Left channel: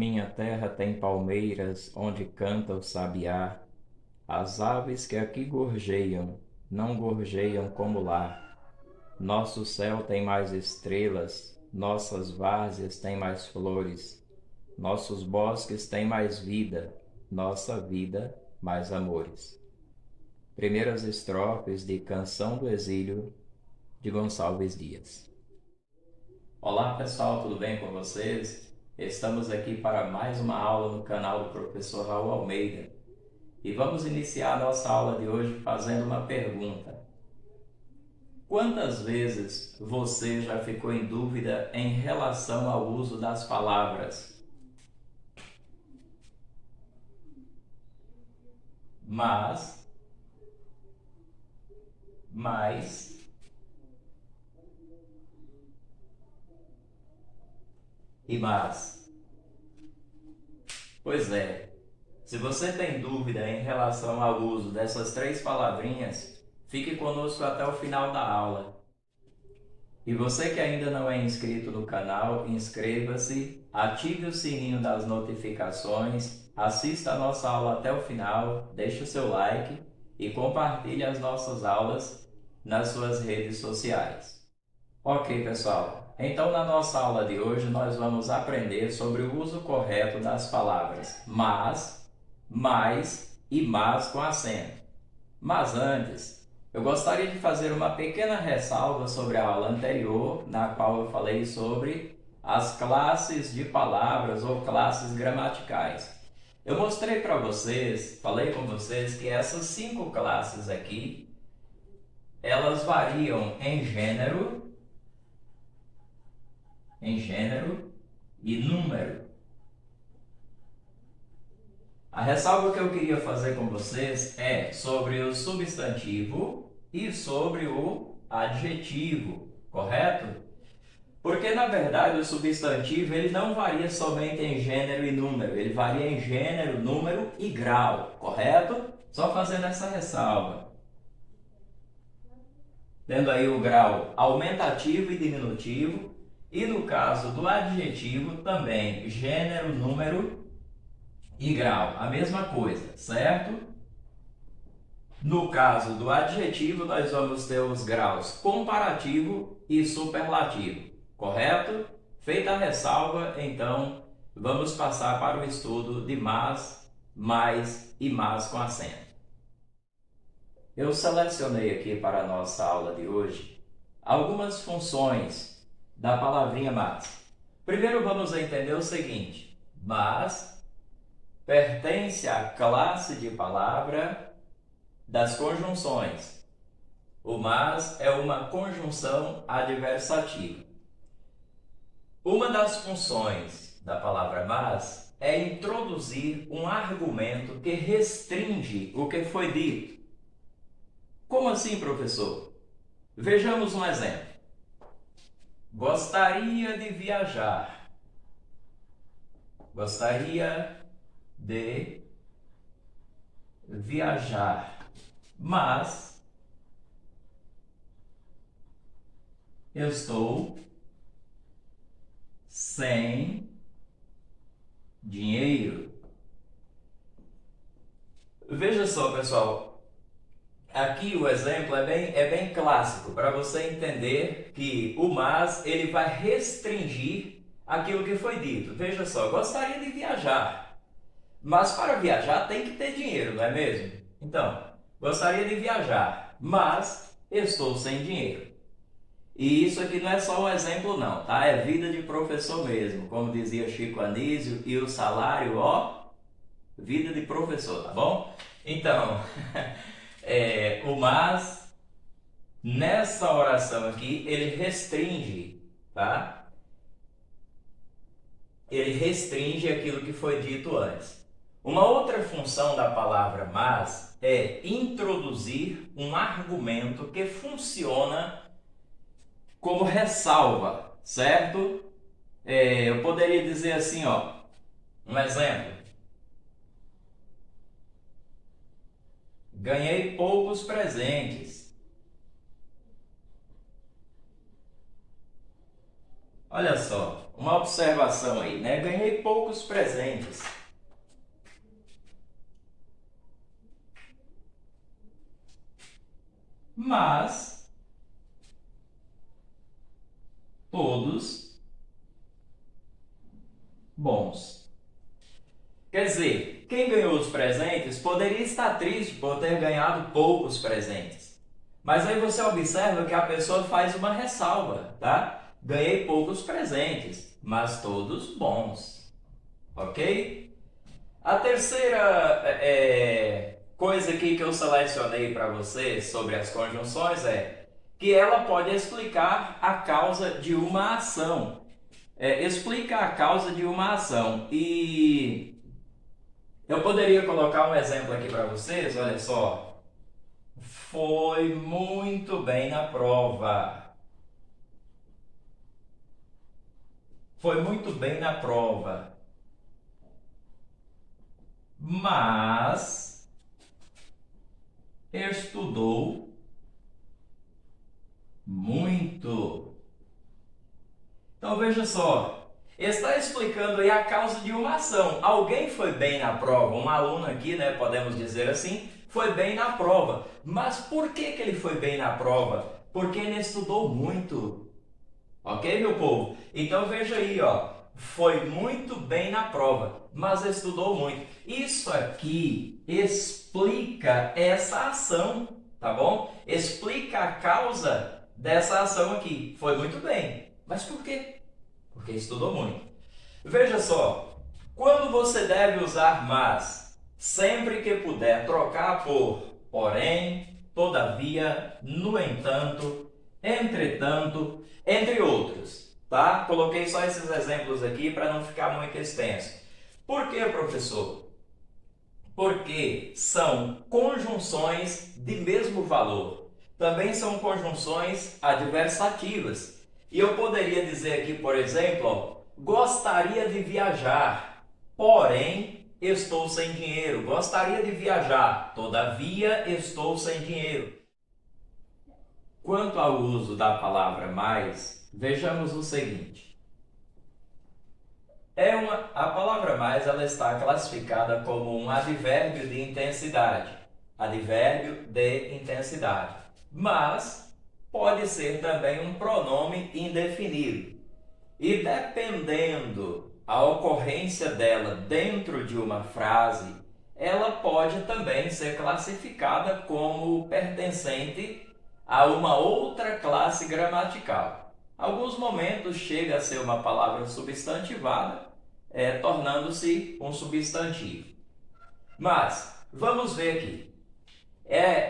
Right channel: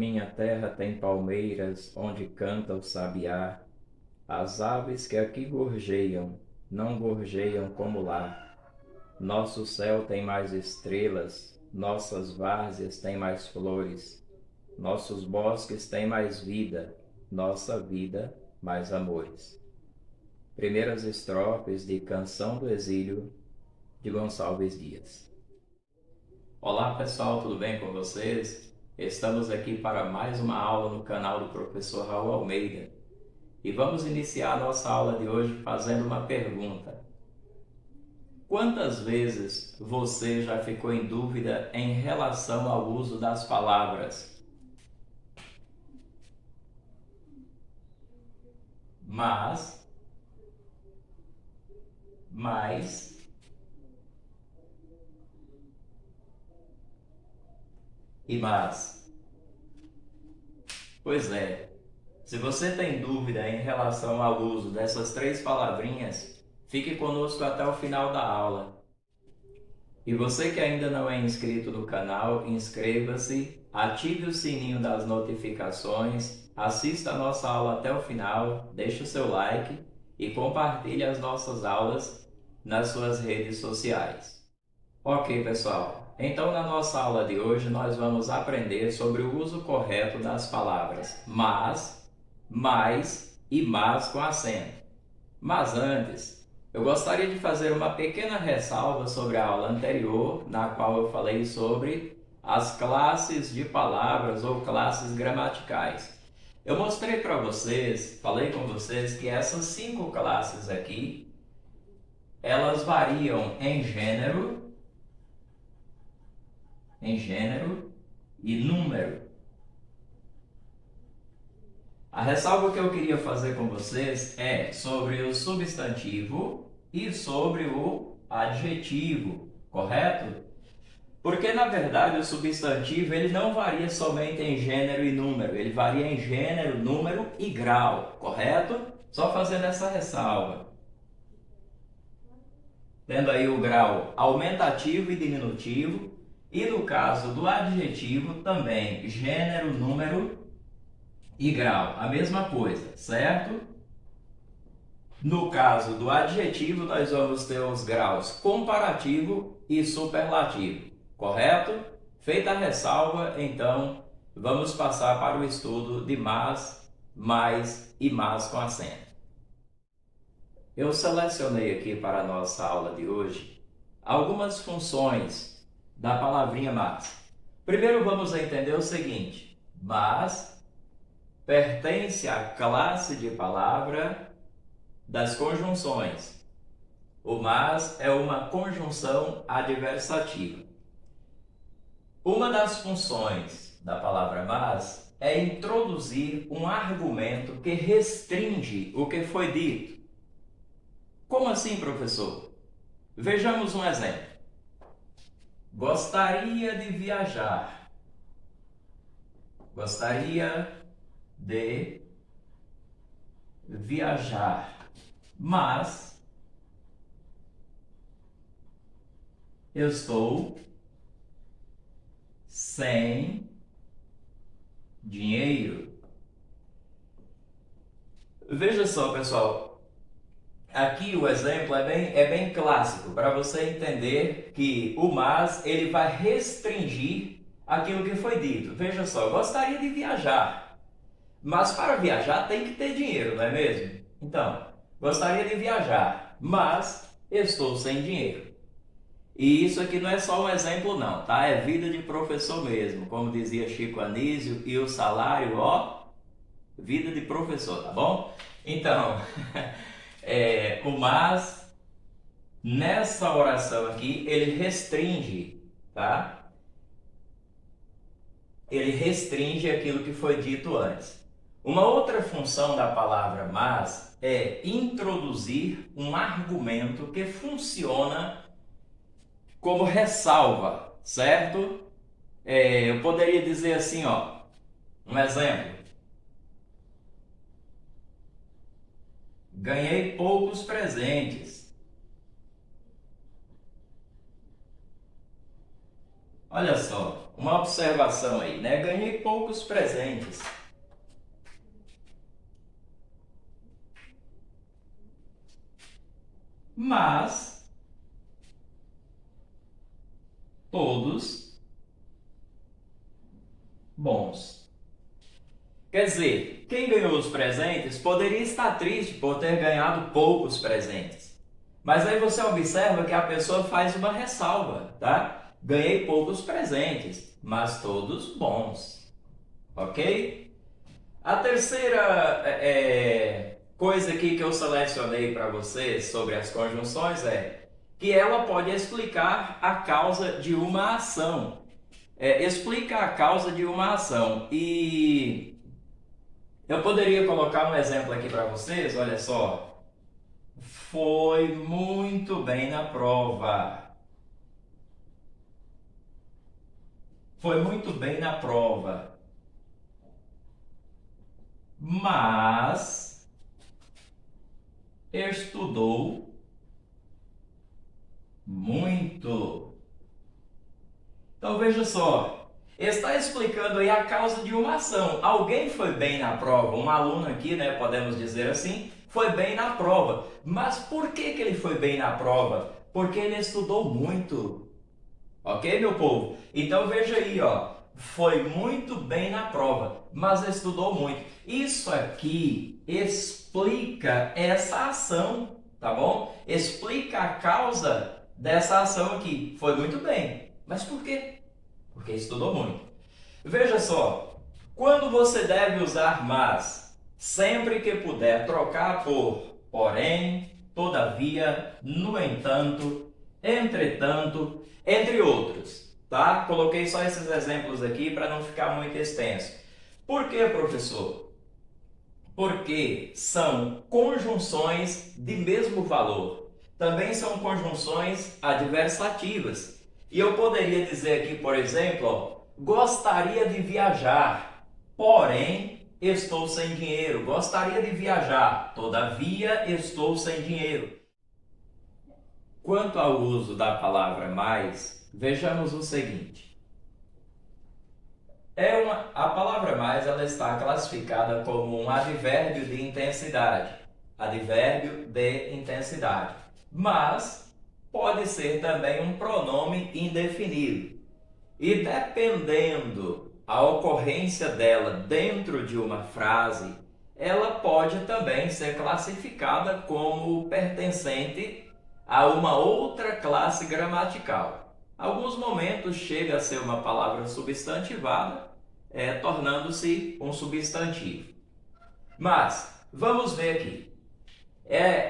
minha terra tem palmeiras, onde canta o sabiá. As aves que aqui gorjeiam, não gorjeiam como lá. Nosso céu tem mais estrelas, nossas várzeas têm mais flores, nossos bosques têm mais vida, nossa vida mais amores. Primeiras estrofes de Canção do Exílio, de Gonçalves Dias. Olá pessoal, tudo bem com vocês? Estamos aqui para mais uma aula no canal do professor Raul Almeida e vamos iniciar a nossa aula de hoje fazendo uma pergunta. Quantas vezes você já ficou em dúvida em relação ao uso das palavras mas, mais e mas? Pois é, se você tem dúvida em relação ao uso dessas três palavrinhas, fique conosco até o final da aula. E você que ainda não é inscrito no canal, inscreva-se, ative o sininho das notificações, assista a nossa aula até o final, deixe o seu like e compartilhe as nossas aulas nas suas redes sociais. Ok, pessoal. Então, na nossa aula de hoje, nós vamos aprender sobre o uso correto das palavras mas, mais e mas com acento. Mas antes, eu gostaria de fazer uma pequena ressalva sobre a aula anterior, na qual eu falei sobre as classes de palavras ou classes gramaticais. Eu mostrei para vocês, falei com vocês que essas 5 classes aqui, elas variam em gênero e número. A ressalva que eu queria fazer com vocês é sobre o substantivo e sobre o adjetivo, correto? Porque, na verdade, o substantivo ele não varia somente em gênero e número, ele varia em gênero, número e grau, correto? Só fazendo essa ressalva. Tendo aí o grau aumentativo e diminutivo, e no caso do adjetivo também gênero, número e grau, a mesma coisa, certo? No caso do adjetivo, nós vamos ter os graus comparativo e superlativo, correto? Feita a ressalva, então, vamos passar para o estudo de mas, mais e mas com acento. Eu selecionei aqui para a nossa aula de hoje algumas funções da palavrinha mas. Primeiro vamos entender o seguinte: mas pertence à classe de palavra das conjunções. O mas é uma conjunção adversativa. Uma das funções da palavra mas é introduzir um argumento que restringe o que foi dito. Como assim, professor? Vejamos um exemplo. Gostaria de viajar. Gostaria de viajar, mas eu estou sem dinheiro. Veja só, pessoal, aqui o exemplo é bem clássico para você entender que o mas ele vai restringir aquilo que foi dito. Veja só, gostaria de viajar, mas para viajar tem que ter dinheiro, não é mesmo? Então, gostaria de viajar, mas estou sem dinheiro. E isso aqui não é só um exemplo não, tá? É vida de professor mesmo, como dizia Chico Anísio, e o salário, ó, vida de professor, tá bom? Então, o mas, nessa oração aqui, ele restringe, tá? Ele restringe aquilo que foi dito antes. Uma outra função da palavra mas é introduzir um argumento que funciona como ressalva, certo? Eu poderia dizer assim, ó, um exemplo. Ganhei poucos presentes. Olha só, uma observação aí, né? Ganhei poucos presentes. Mas todos bons. Quer dizer, quem ganhou os presentes poderia estar triste por ter ganhado poucos presentes. Mas aí você observa que a pessoa faz uma ressalva, tá? Ganhei poucos presentes, mas todos bons. Ok? A terceira coisa aqui que eu selecionei para você sobre as conjunções é que ela pode explicar a causa de uma ação. Explica a causa de uma ação. E eu poderia colocar um exemplo aqui para vocês, olha só. Foi muito bem na prova. Foi muito bem na prova. Mas estudou muito. Então veja só, está explicando aí a causa de uma ação. Alguém foi bem na prova, um aluno aqui, né, podemos dizer assim, foi bem na prova. Mas por que ele foi bem na prova? Porque ele estudou muito. Ok, meu povo? Então veja aí, ó, foi muito bem na prova, mas estudou muito. Isso aqui explica essa ação, tá bom? Explica a causa dessa ação aqui. Foi muito bem. Mas por quê? Porque estudou muito. Veja só, quando você deve usar mas, sempre que puder trocar por porém, todavia, no entanto, entretanto, entre outros, tá? Coloquei só esses exemplos aqui para não ficar muito extenso. Por quê, professor? Porque são conjunções de mesmo valor. Também são conjunções adversativas. E eu poderia dizer aqui, por exemplo, ó, gostaria de viajar, porém estou sem dinheiro. Gostaria de viajar, todavia estou sem dinheiro. Quanto ao uso da palavra mais, vejamos o seguinte. A palavra mais ela está classificada como um advérbio de intensidade. Advérbio de intensidade. Mas pode ser também um pronome indefinido. E dependendo a ocorrência dela dentro de uma frase, ela pode também ser classificada como pertencente a uma outra classe gramatical. Alguns momentos chega a ser uma palavra substantivada, tornando-se um substantivo. Mas, vamos ver aqui.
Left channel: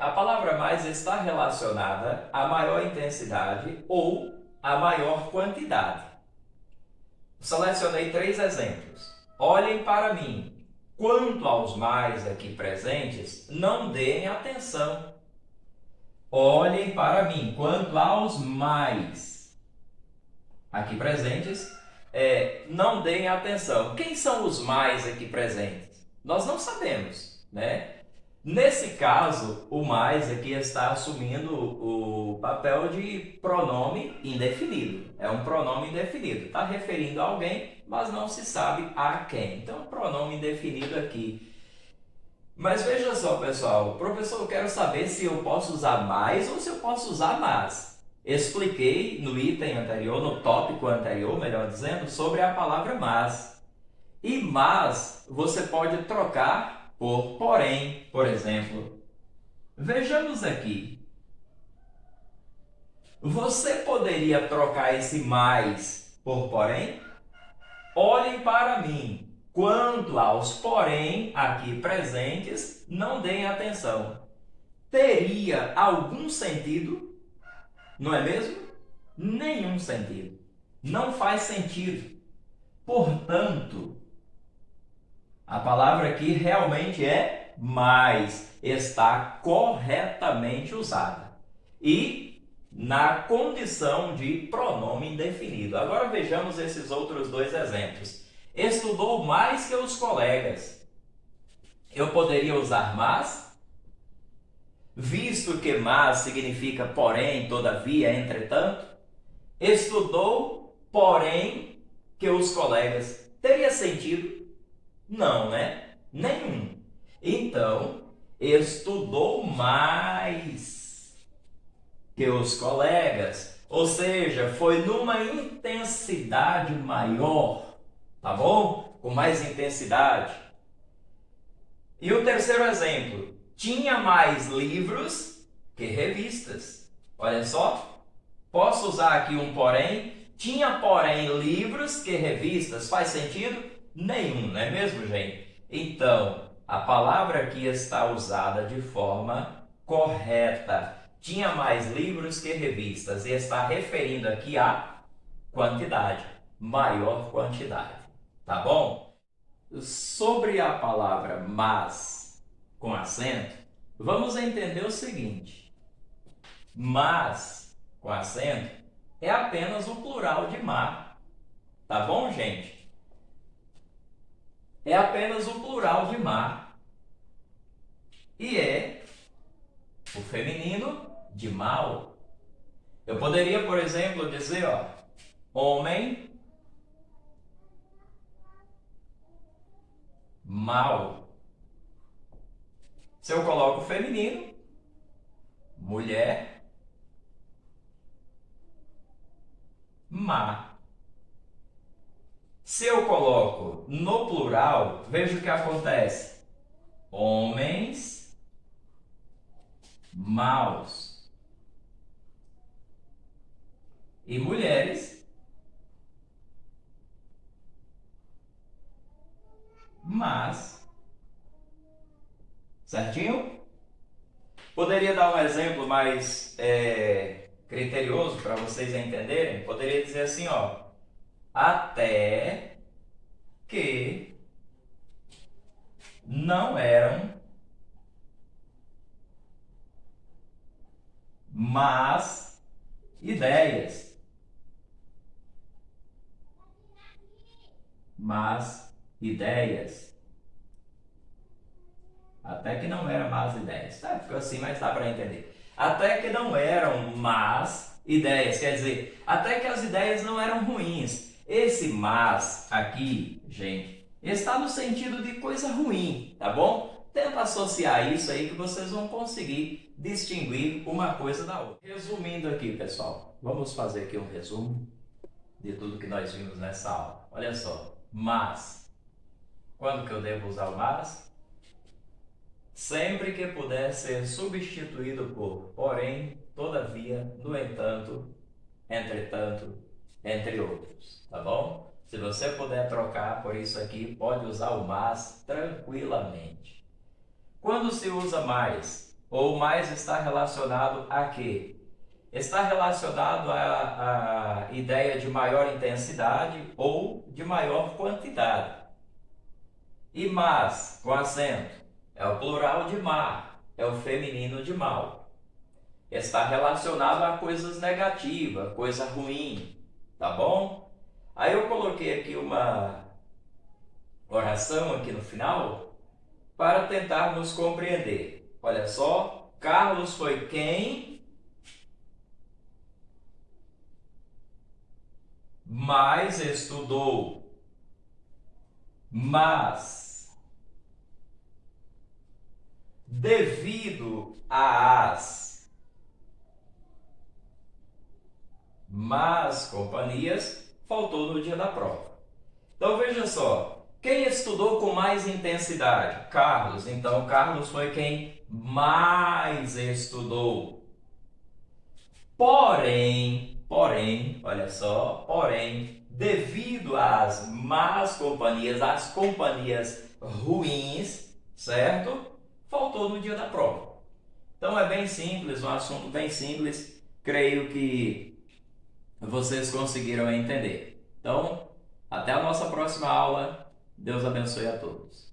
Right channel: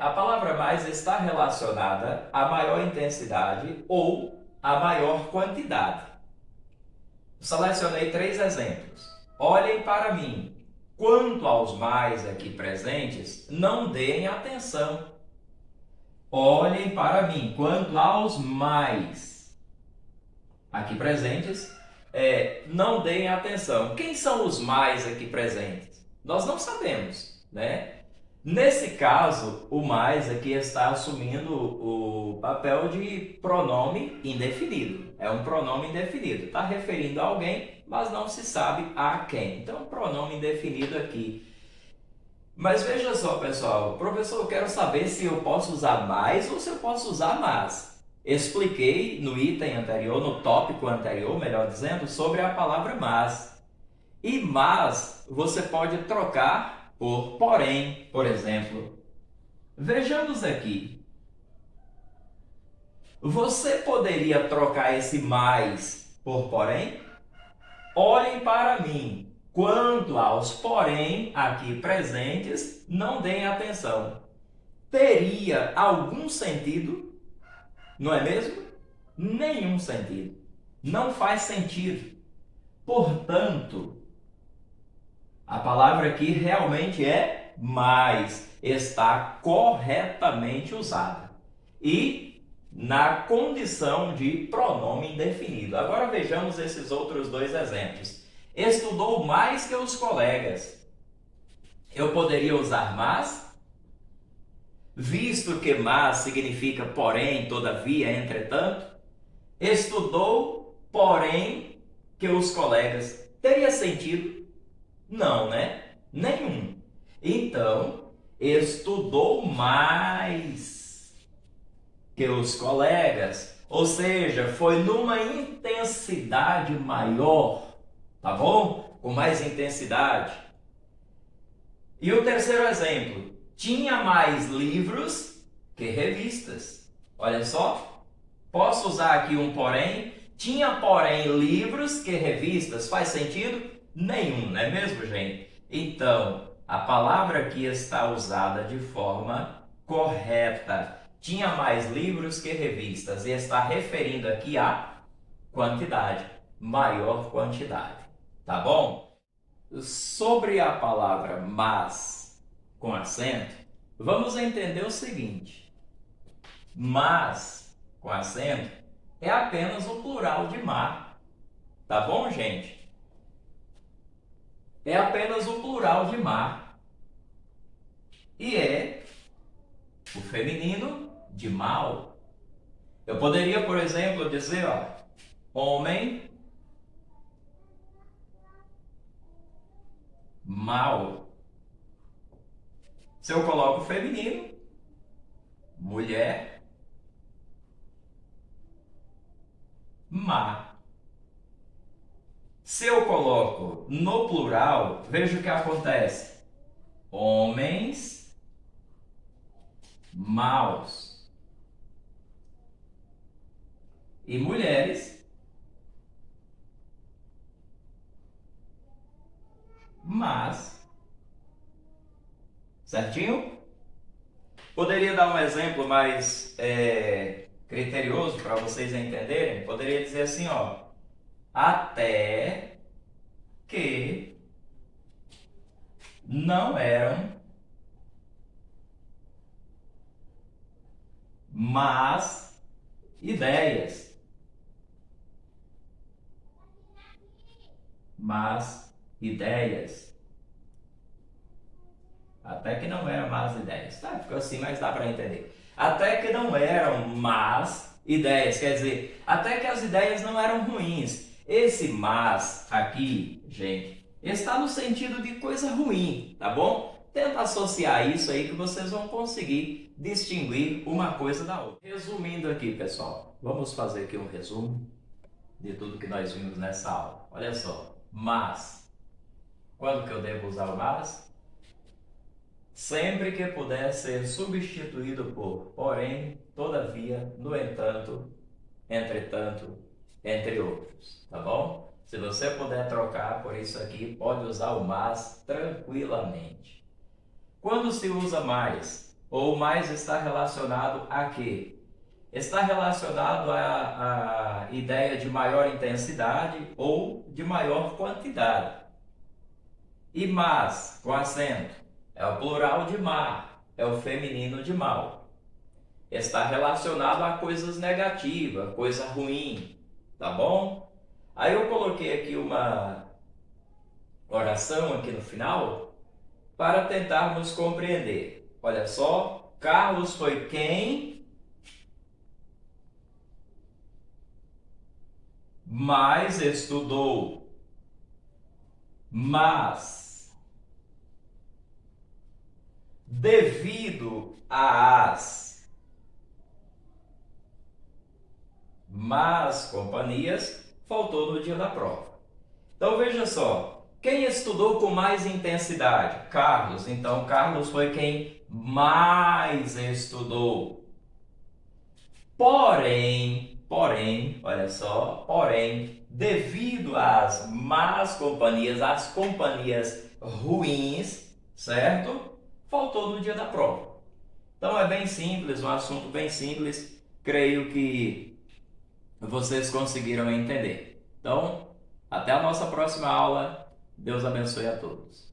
A palavra mais está relacionada a maior intensidade ou a maior quantidade. Selecionei 3 exemplos. Olhem para mim. Quanto aos mais aqui presentes, não deem atenção. Olhem para mim. Quanto aos mais aqui presentes, não deem atenção. Quem são os mais aqui presentes? Nós não sabemos, né? Nesse caso, o mais aqui está assumindo o papel de pronome indefinido. É um pronome indefinido. Está referindo a alguém, mas não se sabe a quem. Então, pronome indefinido aqui. Mas veja só, pessoal. Professor, eu quero saber se eu posso usar mais ou se eu posso usar mas. Expliquei no item anterior, no tópico anterior, melhor dizendo, sobre a palavra mas. E mas você pode trocar por porém, por exemplo. Vejamos aqui. Você poderia trocar esse mais por porém? Olhem para mim. Quanto aos porém aqui presentes, não deem atenção. Teria algum sentido? Não é mesmo? Nenhum sentido. Não faz sentido. Portanto, a palavra aqui realmente é mais, está corretamente usada e na condição de pronome indefinido. Agora vejamos esses outros 2 exemplos. Estudou mais que os colegas. Eu poderia usar mas, visto que mas significa porém, todavia, entretanto. Estudou, porém, que os colegas. Teria sentido? Não, né? Nenhum. Então, estudou mais que os colegas, ou seja, foi numa intensidade maior, tá bom? Com mais intensidade. E o terceiro exemplo, tinha mais livros que revistas. Olha só, posso usar aqui um porém. Tinha, porém, livros que revistas. Faz sentido? Nenhum, não é mesmo, gente? Então, a palavra aqui está usada de forma correta. Tinha mais livros que revistas e está referindo aqui a quantidade, maior quantidade, tá bom? Sobre a palavra mas com acento, vamos entender o seguinte: mas com acento é apenas o plural de mar, tá bom, gente? É apenas o plural de mar e é o feminino de mal. Eu poderia, por exemplo, dizer, ó, homem mal. Se eu coloco feminino, mulher má. Se eu coloco no plural, veja o que acontece. Homens maus e mulheres más. Certinho? Poderia dar um exemplo mais criterioso para vocês entenderem? Poderia dizer assim, ó, até que não eram más ideias. Más ideias. Até que não eram más ideias. Tá, ficou assim, mas dá para entender. Até que não eram más ideias. Quer dizer, até que as ideias não eram ruins. Esse mas aqui, gente, está no sentido de coisa ruim, tá bom? Tenta associar isso aí que vocês vão conseguir distinguir uma coisa da outra. Resumindo aqui, pessoal, vamos fazer aqui um resumo de tudo que nós vimos nessa aula. Olha só, mas. Quando que eu devo usar o mas? Sempre que puder ser substituído por porém, todavia, no entanto, entretanto, entre outros, tá bom? Se você puder trocar por isso aqui, pode usar o mas tranquilamente. Quando se usa mais, ou mais está relacionado a quê? Está relacionado à ideia de maior intensidade ou de maior quantidade. E mas, com acento, é o plural de mar, é o feminino de mal. Está relacionado a coisas negativas, coisa ruim, tá bom? Aí eu coloquei aqui uma oração aqui no final para tentarmos compreender. Olha só, Carlos foi quem mais estudou, mas devido às más companhias, faltou no dia da prova. Então veja só, quem estudou com mais intensidade? Carlos. Então Carlos foi quem mais estudou. Porém, olha só, porém, devido às más companhias, às companhias ruins, certo? Faltou no dia da prova. Então é bem simples, um assunto bem simples, creio que vocês conseguiram entender. Então, até a nossa próxima aula. Deus abençoe a todos.